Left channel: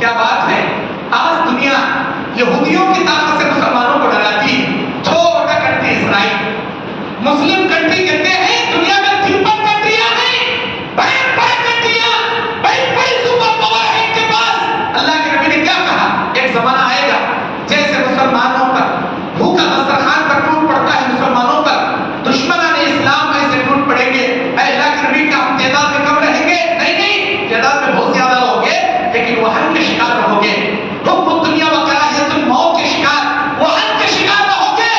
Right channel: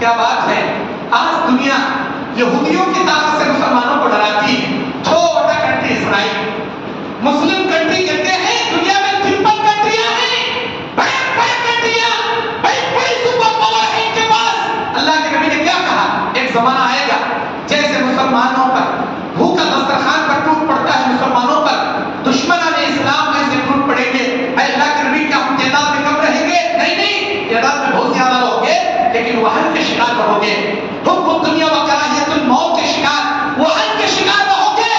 کیا بات ہے، آج دنیا یہودیوں کی طاقت سے مسلمانوں کو ڈراتی ہے۔ چھوٹا کنٹری اسرائیل، مسلم کنٹری کہتے ہیں دنیا میں 53 کنٹریاں ہیں، بڑے بڑے کنٹریاں، بڑی بڑی سپر پاور ہے ان کے پاس۔ اللہ کے نبی نے کیا کہا، ایک زمانہ آئے گا جیسے مسلمانوں کا بھوکا دسترخوان پر ٹوٹ پڑتا ہے، مسلمانوں کا دشمنان اسلام میں سے ٹوٹ پڑیں گے۔ اے اللہ کے نبی، کیا ہم تعداد میں کم رہیں گے؟ نہیں نہیں، تعداد میں بہت زیادہ رہو گے، لیکن وہن کے شکار رہو گے، حب الدنیا و کراہیت الموت کے شکار، وہن کے شکار رہو گے۔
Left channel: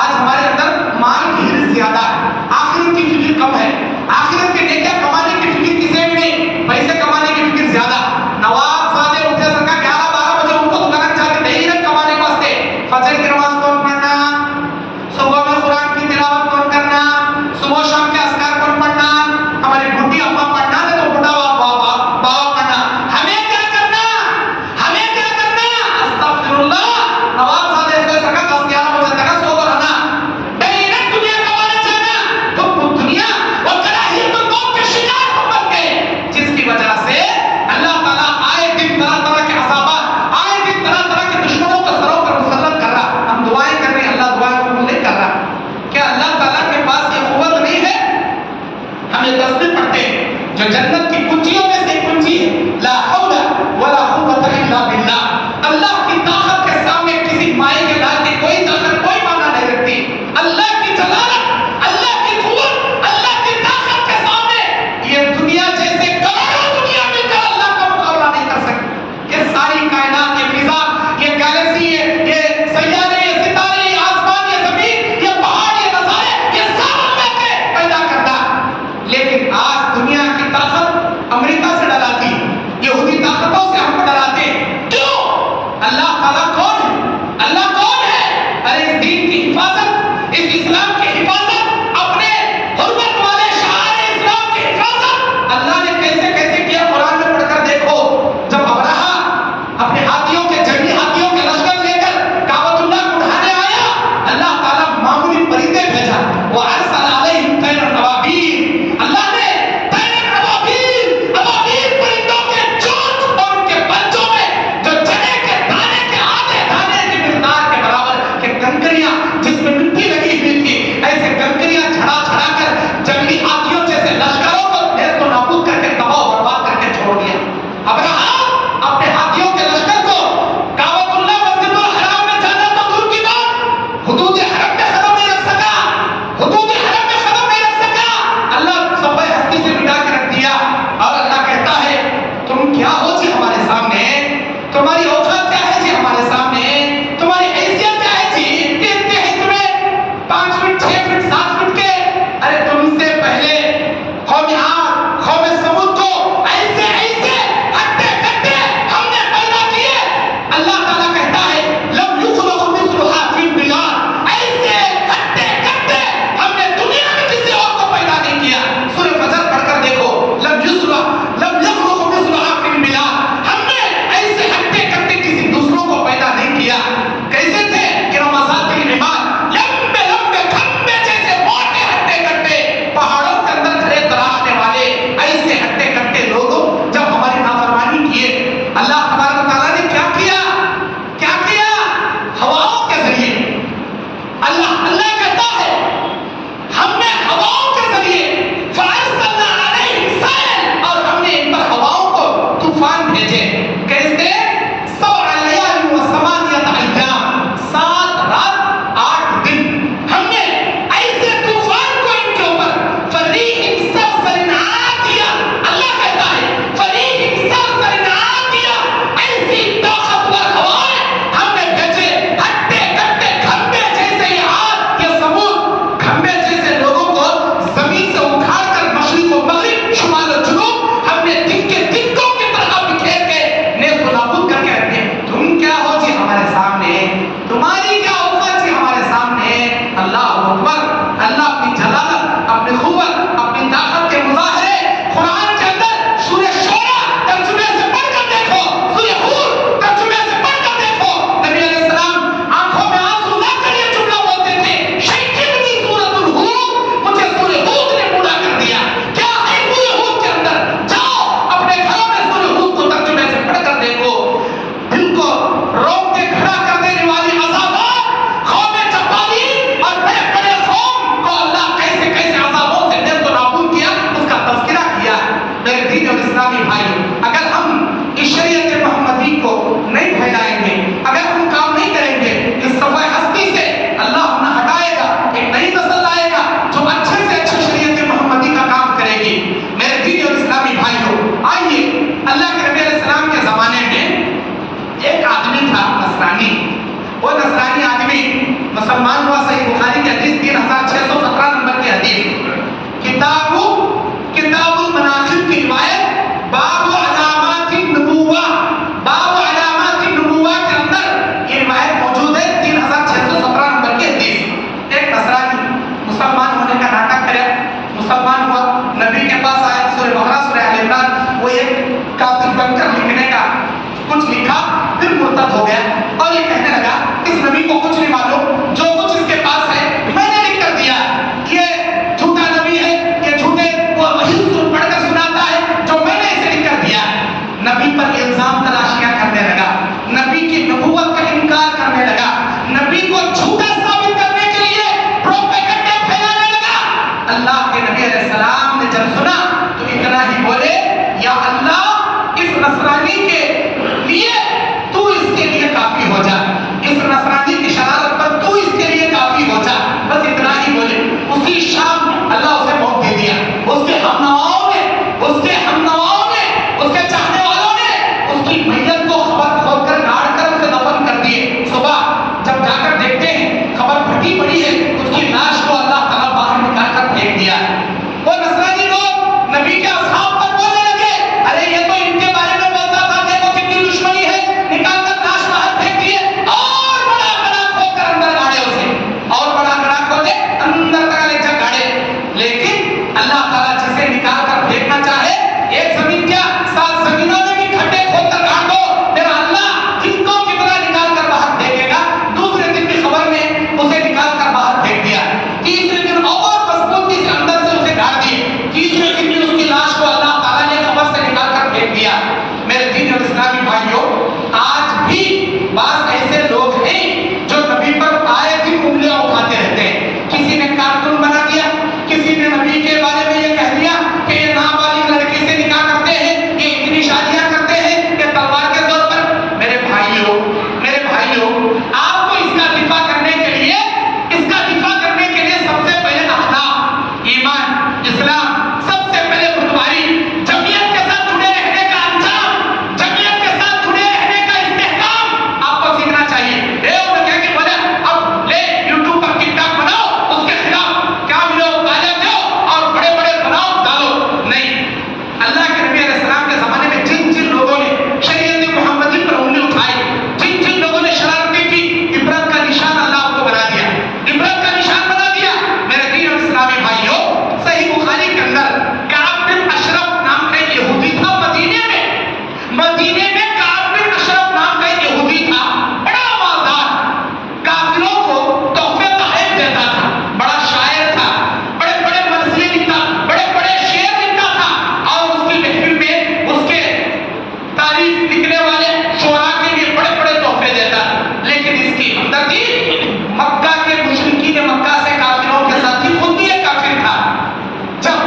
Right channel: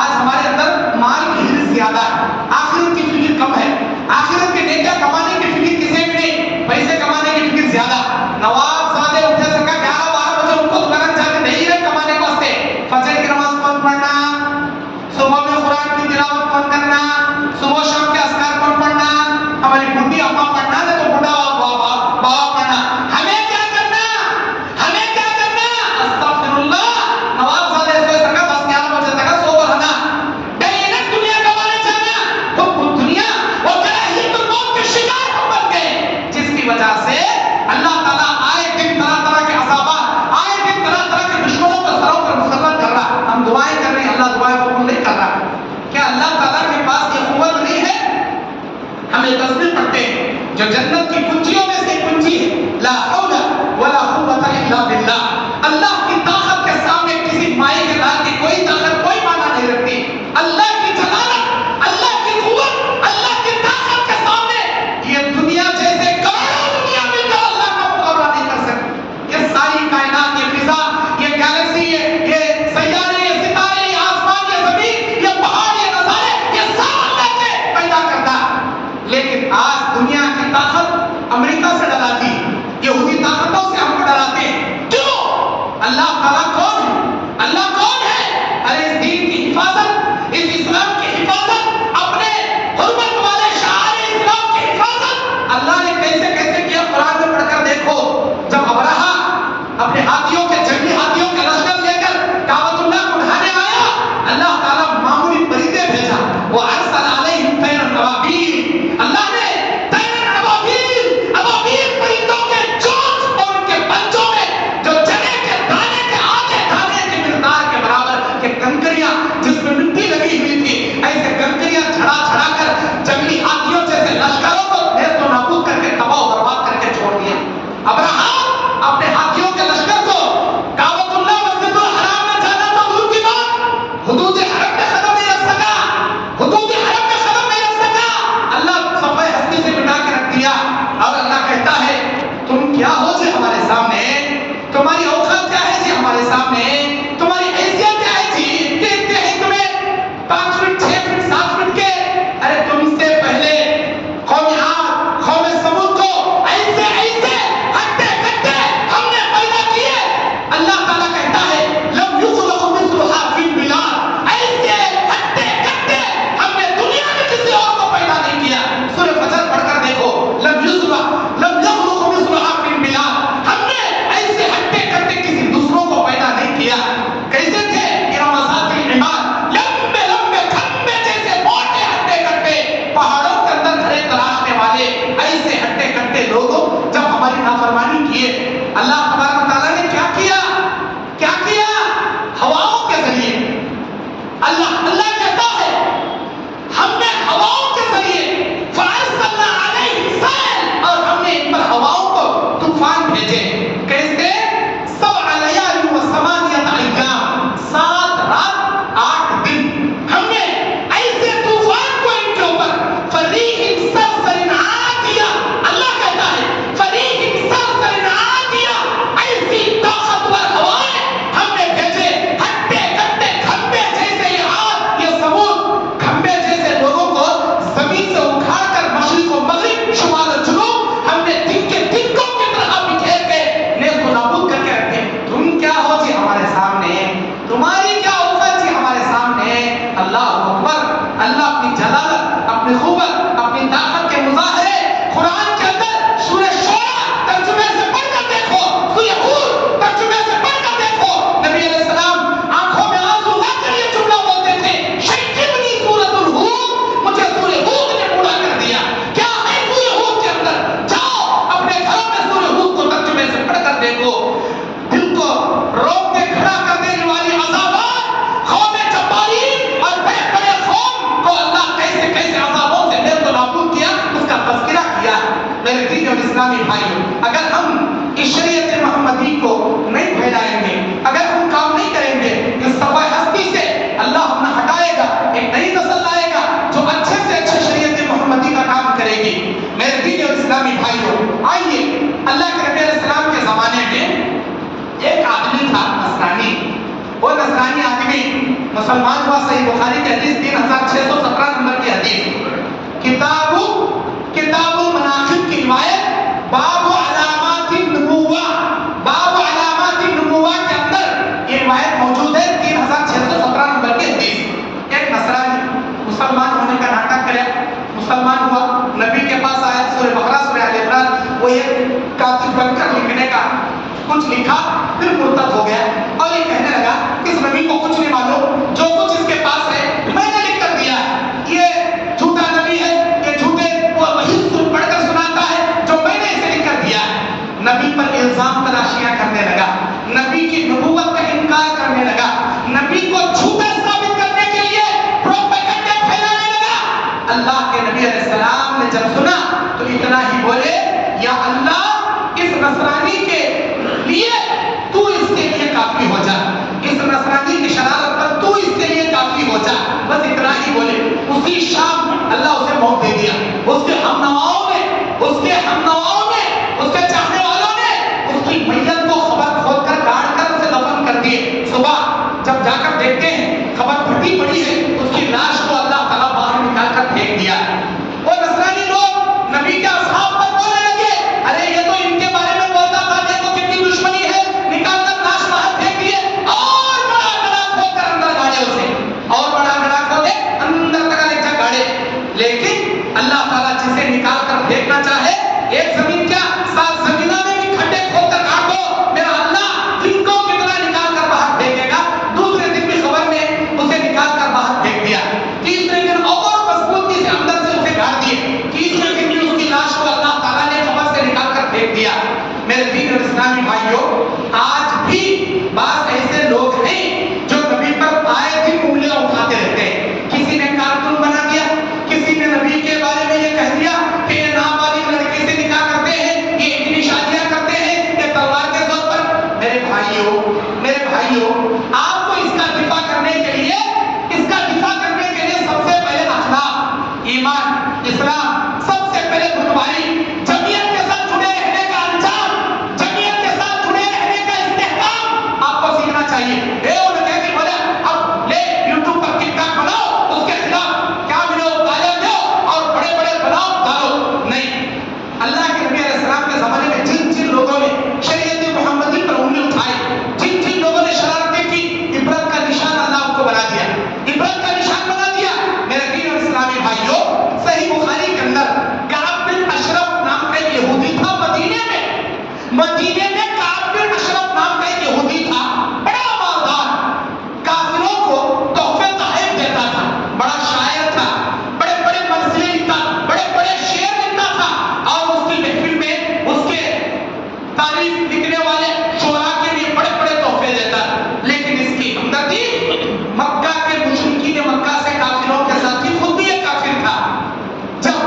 آج ہمارے اندر مال کی حرص زیادہ مسلمان ہوا. صحیح بخاری کی حدیث 3617 نمبر کی حدیث, کتاب المناقب کی روایت, باب علامات النبوہ, باب علامات النبوہ کے اندر یہ روایت موجود ہے. 3617 نمبر کی حدیث. ایک نصرانی مسلمان ہونے کا ناٹک کرے, مسلمان ہوا, نبی کے پاس آیا, سورہ بقرہ سورہ آل عمران وہ ایک کاتب بن کر لکھنے کا کچھ لکھا, پھر مرتد ہو گیا اور یہ کہنے لگا اس نبی کو کچھ نہیں معلوم, جو کچھ اس کے پاس ہے میں نے لکھ کر دیا, یہ جھوٹا نبی ہے, یہ جھوٹے وحی پڑھ کر سناتا ہے جو میں نے اسے لکھ کر دیا. نبی پر الزام تلاشیاں کرنے لگا, نبی کی نبوت کا انکار کرنے لگا, نبی کو جھوٹا ثابت کرنے کے لیے پروپیگنڈے پھیلانے لگا. اللہ کے نبی علیہ السلام نے جب سنا تو اتنا ہی بولے, یا اللہ اس نصرانی کے لیے تو اس کے لیے کافی ہو جا, اس نصرانی کی شرارت پر تو اس کے لیے کافی ہو جا. بس اتنا ہی بولے. اسی شام اللہ اسے موت دے دیا. اس کے ہم نواؤں نے, اس کے ہم نواؤں نے, اس کے چاہنے والوں نے اس کی میت کو خبر کھود کر گاڑ کر اسے دفن کر دیے. صبح جب جا کر دیکھتے ہیں خبر پھٹی پڑی ہے, اس کی لاش کو اللہ تعالیٰ باہر نکال کر پھینک دیا. وہ نصرانی لوگ نبی کے اصحاب پر بولنے لگے, ارے یہ تو ان کے بارے میں بولتا تھا, دیکھو کتنی دشمنی ہے, نکال کر لاش باہر پھینک دیے, اور بڑا گڑا کھود کر اندر گاڑے اسے, اور بڑا گڑا کھودے اندر تک لے جا گاڑے. لیکن اللہ تعالیٰ جسے نکال کر پھینکنا چاہے, ایک زمین کیا 7 زمینوں میں بھی کھڈے کھود کر گاڑ دو, میرا اللہ جن کو کتنا نکال کر باہر پھینکے گا. دوسرے دن کی خبر میں اسے نکال کر باہر پھینک دیا. تیسرے دن اور مضبوطی سے اندر سے اسے گاڑ دیے. تیسرے دن بھی اس کی لاش کو اللہ تعالیٰ نے خبر سے نکال کر پھینک دیا. میرے دین اور اسلامی بھائیوں, آج بھی بعض ایسے لوگ ہیں جو نبی پر آئے دن انگلیاں اٹھاتے رہتے ہیں. کسی نے کارٹون بنا دیا, کسی نے نبی کے بارے میں یہ کہہ دیا کہ یہ نابالغ لڑکی سے نکاح کرتے ہیں, یہ اتنی شادیاں کرتے ہیں, یہ تلوار کے طور پر. میرے بھائیوں, آپ کو اس کا دفاع کرنے کے لیے سب سے پہلے اخلاق, ایمان, اسلام, سب سے پہلے خودداری, جمعیت کے ساتھ جڑے رہنے کا انجام, جمعیت کے ساتھ جڑے رہنے کا استحکام آپ کو سیکھنا چاہیے. اب لے یوٹیوب پر ٹک ٹاک بناؤ, اس کے خلاف کیا ویڈیو وائرل دو اور بڑے بڑے بناؤ ڈالو. نہیں, اللہ کے نبی علیہ السلام کے زمانے میں جن جن لوگوں نے شریعت محمدی پر انگلی اٹھائی, جن جن لوگوں نے شرارتیں کی, عبرت کا نشان اللہ آپ کو بنا دیا, عبرت کا نشان بنا دیا. میرے دین اور اسلامی بھائیوں, صحیح بخاری کے اندر کعب بن اشرف نام کا ایک یہودی تھا. مدینے میں کعب بن اشرف نام کا ایک یہودی تھا, بڑا مالدار, کافروں کو تحفے تحائف دیتا تھا, بڑا شاعر تھا, بڑے بڑے مرثیے لکھتا, بڑے بڑے شعر لکھتا تھا, اور اس کی محفل میں اس کے تعریف لکھنے والے شعراء کے لیے بڑے بڑے تحفے دیتا. لیکن اس کی ہمدردی مکہ کے مشرکین مکہ سے کافروں کے ساتھ ہی, خود بھی ایک کافر تھا. جب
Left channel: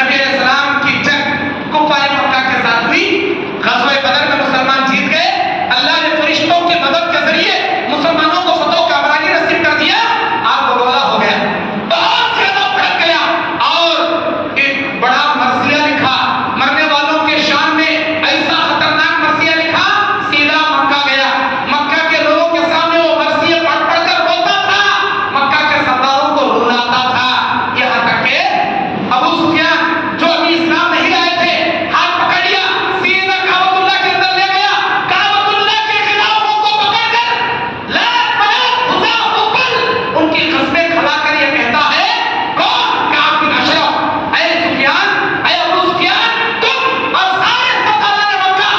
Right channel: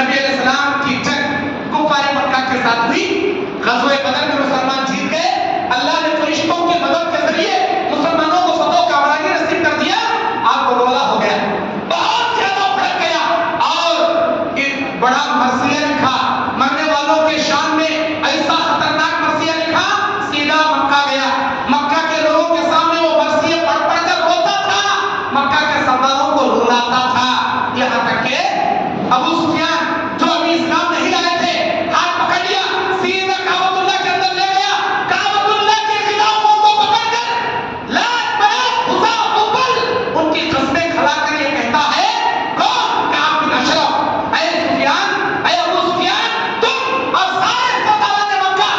نبی علیہ السلام کی جنگ کفار مکہ کے ساتھ ہوئی, غزوہ بدر میں مسلمان جیت گئے, اللہ نے فرشتوں کی مدد کے ذریعے مسلمانوں کو فتح کامرانی نصیب کر دیا. آپ گولا ہو گیا, بہت زیادہ بھڑک گیا, اور ایک بڑا مرثیہ لکھا, مرنے والوں کے شان میں ایسا خطرناک مرثیہ لکھا, سیدھا مکہ گیا. مکہ کے لوگوں کے سامنے وہ مرثیہ پڑھ پڑھ کر روتا تھا, مکہ کے سرداروں کو رلاتا تھا. یہاں تک کہ ابو سفیان جو ابھی اسلام نہیں لائے تھے, ہاتھ پکڑ لیا, سیدھا کعبۃ اللہ کے اندر لے گیا, کعبۃ اللہ کے خلافوں کو پکڑ کر لات منات خدا حبل ان کی قسمیں کھلا کر یہ کہتا ہے, کون؟ کعب بن اشرف, اے سفیان, اے ابو سفیان, تم اور سارے سرداران مکہ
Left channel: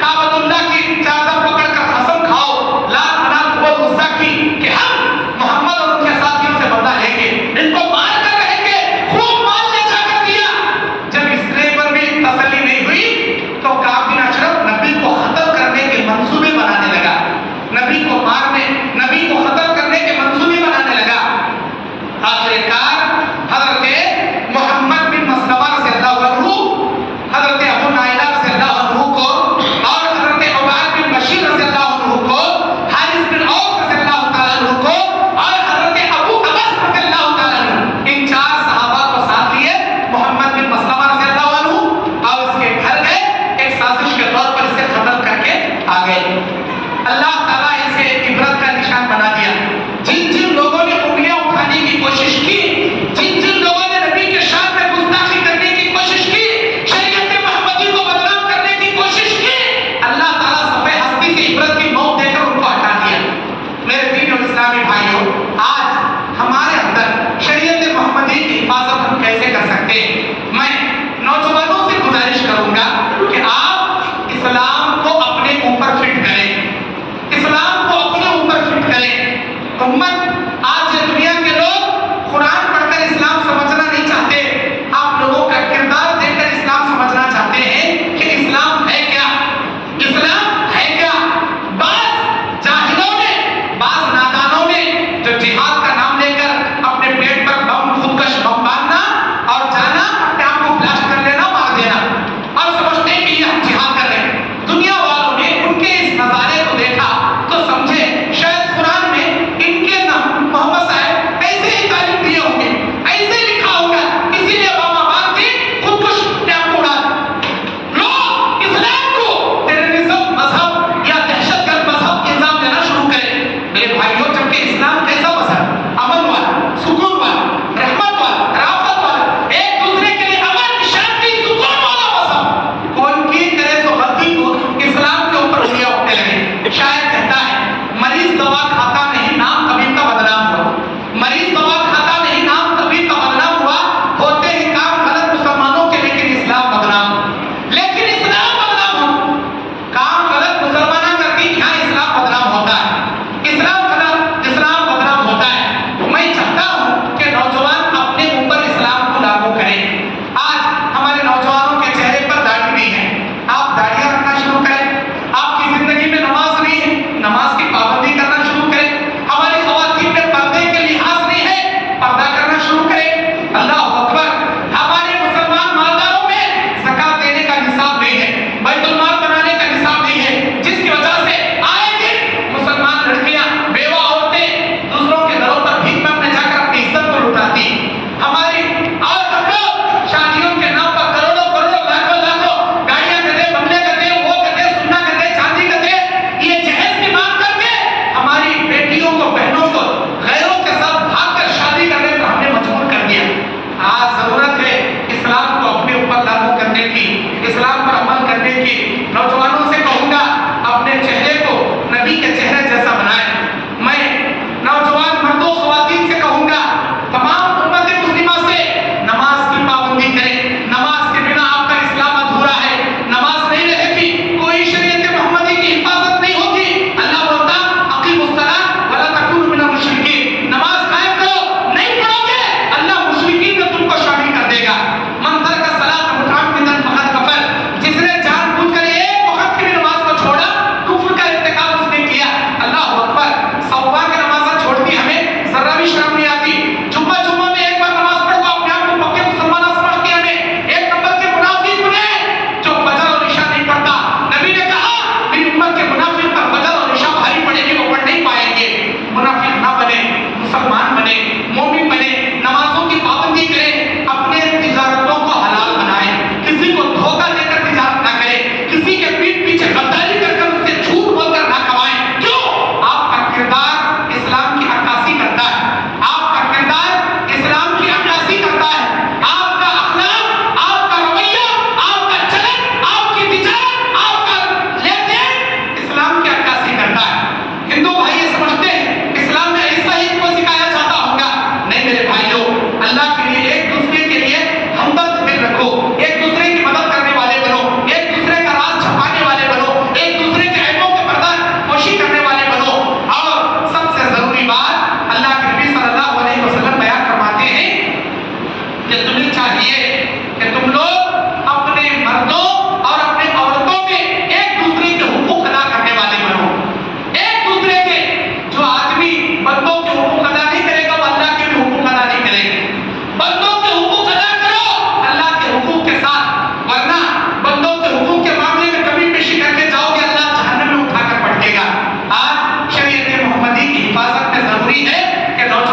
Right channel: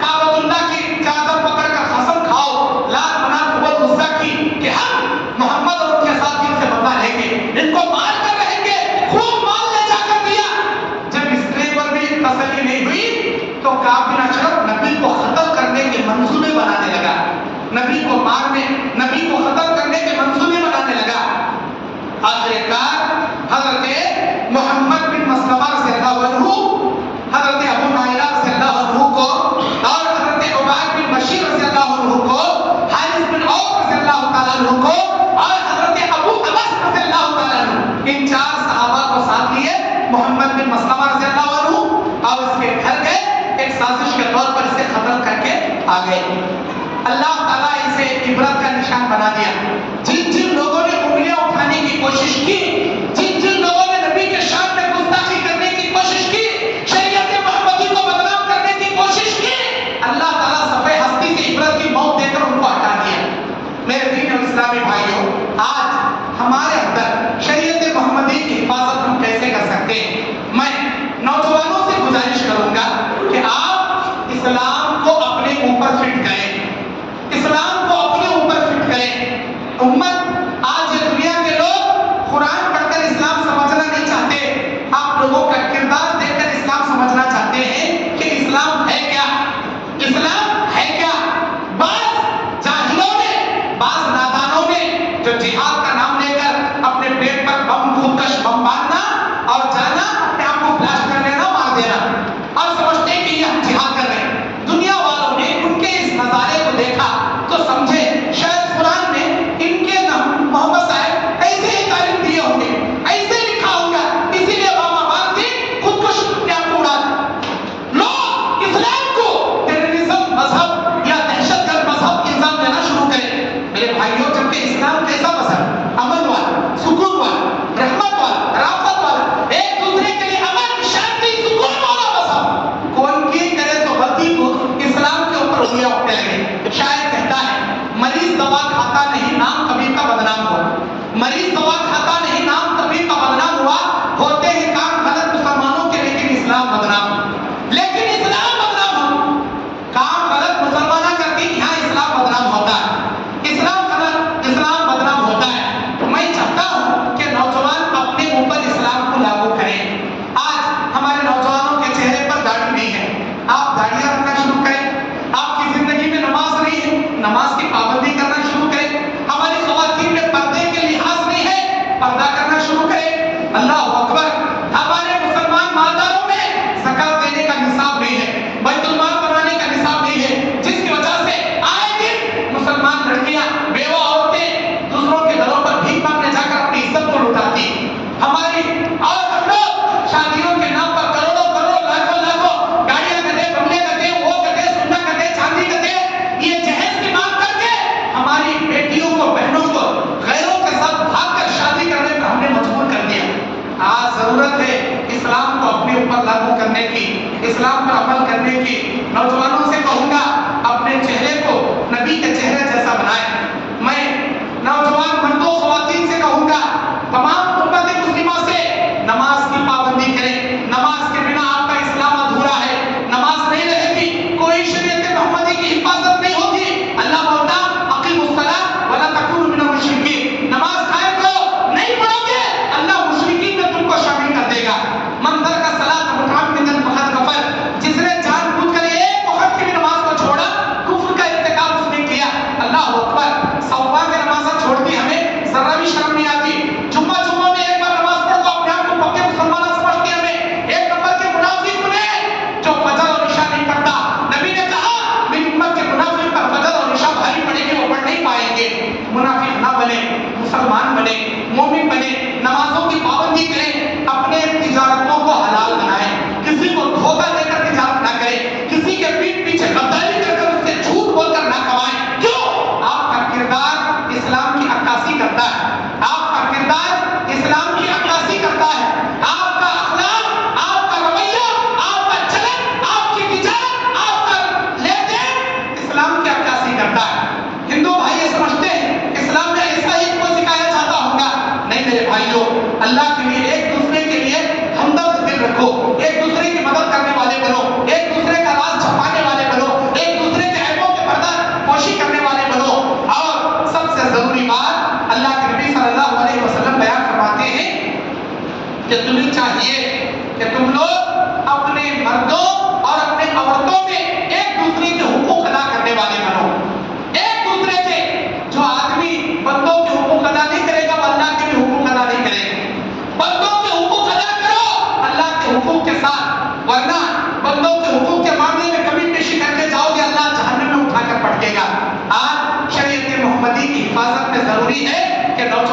کعبۃ اللہ کی چادر پکڑ کر قسم کھاؤ لات منات خبل غصہ کی کہ ہم محمد اور ان کے ساتھیوں سے بدلہ لیں گے, ان کو مار کر رہیں گے. خوب مال لے جا کر دیا. جب اس پر بھی تسلی نہیں ہوئی تو کعب بن اشرف نبی کو قتل کرنے کے منصوبے بنانے لگا, نبی کو مارنے, نبی کو قتل کرنے کے منصوبے بنانے لگا. آخرکار حضرت محمد بن مسلمہ رضی اللہ عنہ, حضرت ابو نائلہ رضی اللہ عنہ کو, اور حضرت عباد بن بشیر رضی اللہ عنہ کو, حارث بن عوف رضی اللہ تعالیٰ عنہ کو, اور حضرت ابو عبس رضی اللہ تعالیٰ عنہ, ان 4 صحابہ کو ساتھ لیے محمد بن مسلمہ رضی اللہ عنہ, اور اس کے گھر گئے, ایک سازش کے طور پر اسے قتل کر کے آ گئے. اللہ تعالیٰ اسے عبرت کا نشان بنا دیا. جن جن لوگوں اسلام کو اپنے اوپر فٹ کریں، اسلام کو اپنے اوپر فٹ کریں۔ امت آج دنیا کے لوگ قرآن پڑھ کر اسلام سمجھنا نہیں چاہتے، آپ لوگوں کا کردار دیکھ کر اسلام سمجھنا چاہتے ہیں کہ اسلام ہے کیا، اسلام ہے کیا۔ بعض جاہلوں نے، بعض نادانوں نے جو جہاد کا نام لے کر اپنے پیٹ پر بم، خودکش بم باندھنا اور جانا، اپنے آپ کو فلش کر لینا، مار دینا اور سمجھتے ہیں کہ یہ ہم جہاد کر رہے ہیں۔ دنیا والوں نے ان کے اس نظارے کو دیکھا تو سمجھے شاید قرآن میں ان کے نام محمد صاحب ایسے ہی تعلیم دیے ہوں گے، ایسے لکھا ہوگا، اسی لیے بابا باندھ کے خودکش اپنے آپ کو اڑا دیا۔ لوگ اسلام کو ٹیررزم مذہب یا دہشت گرد مذہب الزام دینا شروع کریں۔ میرے بھائیوں، جبکہ اسلام کیسا مذہب، امن والا، سکون والا، رحمت والا، رافت والا، ایک دوسرے کے لیے امن، شانتی، سکون والا مذہب، کون کی کرے تو غلطی کو اسلام کے اوپر انگلیاں اٹھنے لگے۔ شاید کہتا ہے مریض دوا کھاتا نہیں، نام طبیب کا بدنام ہوا، مریض دوا کھاتا نہیں، نام طبیب کا بدنام ہوا، ہوتے ہیں کام غلط مسلمانوں کے لیکن اسلام بدنام، لیکن اسلام بدنام ہو، کام غلط مسلمانہ کرتی یہاں اسلام بدنام ہوتا ہے، اسلام بدنام ہوتا ہے۔ میں چاہتا ہوں کہ نوجوان اپنے اوپر اسلام کو لاگو کریں۔ آج ہمارے نوجوانوں کے چہرے پر داڑھی نہیں ہے، آپ داڑیاں رکھنا شروع کریں۔ آپ کی زندگی میں نماز نہیں ہے، نماز کی پابندی کرنا شروع کریں۔ ہماری خواتین میں پردے کے لحاظ نہیں ہے، پردہ کرنا شروع کریں۔ اللہ اکبر۔ ہمارے مسلمان مالداروں میں زکات دینے کا نصاب نہیں ہے، بیت المال بنانے کا نصاب نہیں ہے، جس کی وجہ سے آئے دن مسلمان لڑکیاں، بیوہ عورتیں دوسروں کے گھروں پر بھیک مانگنے جا کر اپنی عزت کو لٹاتی ہماری، اور ہم لوگ شادیوں کے نام پر کروڑوں کروڑوں لاکھوں لاکھوں گاڑیاں گدے، بنگلے گدے، وہ گدے، سونا گدے، چاندی گدے، یہ جہیز کی مانگ کر کے ہماری بیٹیوں کو، بہنوں کو غیروں کے ساتھ بھاگ کر شادی کرنے پر ہم نے مجبور کر دیا۔ آج ضرورت ہے اسلام کو اپنے اوپر لاگو کرنے کی، اسلام پر عمل کرنے کی۔ نوجوانوں سے کہوں گا اپنے چہرے کو نبی کے چہرے جیسا بنائیں۔ میں نوجوان مردوں خواتین سے کہوں گا تمام امت مسلمہ سے نماز کی پابندی کریں۔ نماز کے بنا آپ کا اسلام ادھورا ہے، نماز نہیں رہتی کوئی شریعت محمدی کی حفاظت نہیں ہوتی۔ اللہ بولتا اقیموا الصلاۃ ولا تکونوا من المشرکین، نماز قائم کرو، نہیں پڑھو گے اللہ مشرکین میں تم کو شامل کر دے گا۔ من ترک الصلاۃ متعمدا فقد کفر، جس نے جان بوجھ کر ایک وقت کی بھی نماز کو چھوڑا، کفر کا ارتکاب اس نے کیا۔ اللہ اکبر۔ صبح کی نمازیں چھوڑتی ہمیں ذرا بھی شرم نہیں آتی، جمعہ میں ایک بار نماز پڑھ کو اپنے آپ کو پکے مسلمان سمجھتی ہمیں، ایک نمبر کے منافق بنے جو فجر اور عشاء نہیں پڑھتا۔ نبی نے کہا میری امت کے منافق پر فجر اور عشاء بھاری پڑے گی، وہ پڑھ نہیں پائیں گے۔ منافق نہ بنے، مسلمان بنے، مومن بنے، نمازوں کی پابندی کریں، اپنے تجارتوں کو حلال بنائیں، کسی کو دھوکہ دے کر تجارت نہ کریں، کسی کے پیٹ پیچھے غداری کر کر اس سے جھوٹ بول کر نہ کمائیں۔ کیوں؟ آپ کا کردار اسلام کی عکاسی کرتا ہے، آپ کا کردار اسلام کی عکاسی کرتا ہے، آپ کا اخلاق، آپ کا رویہ، آپ کا چلن، آپ کی تجارت، آپ کا لین دین اسلام کی عکاسی کرتا ہے۔ ہندو بھائی یہ سمجھتے ہیں اسلام میں ایسا ہی کو سکھایا جاتا ہوگا، نہیں میرے بھائیوں، اللہ کے لیے ایک دوسرے کے لیے ہمدرد دل رکھو، ایک دوسرے کی مدد کرنے والے بنو، ایک دوسرے کا راز چھپانے والے بنو، ایک دوسرے کے عیبوں کے پردہ پوشی کرنے والے بنو۔ اور سب سے ضروری بات اللہ کے نبی صلی اللہ علیہ وسلم بیان فرماتے ہیں کہ تمہیں چاہیے کہ تم لوگ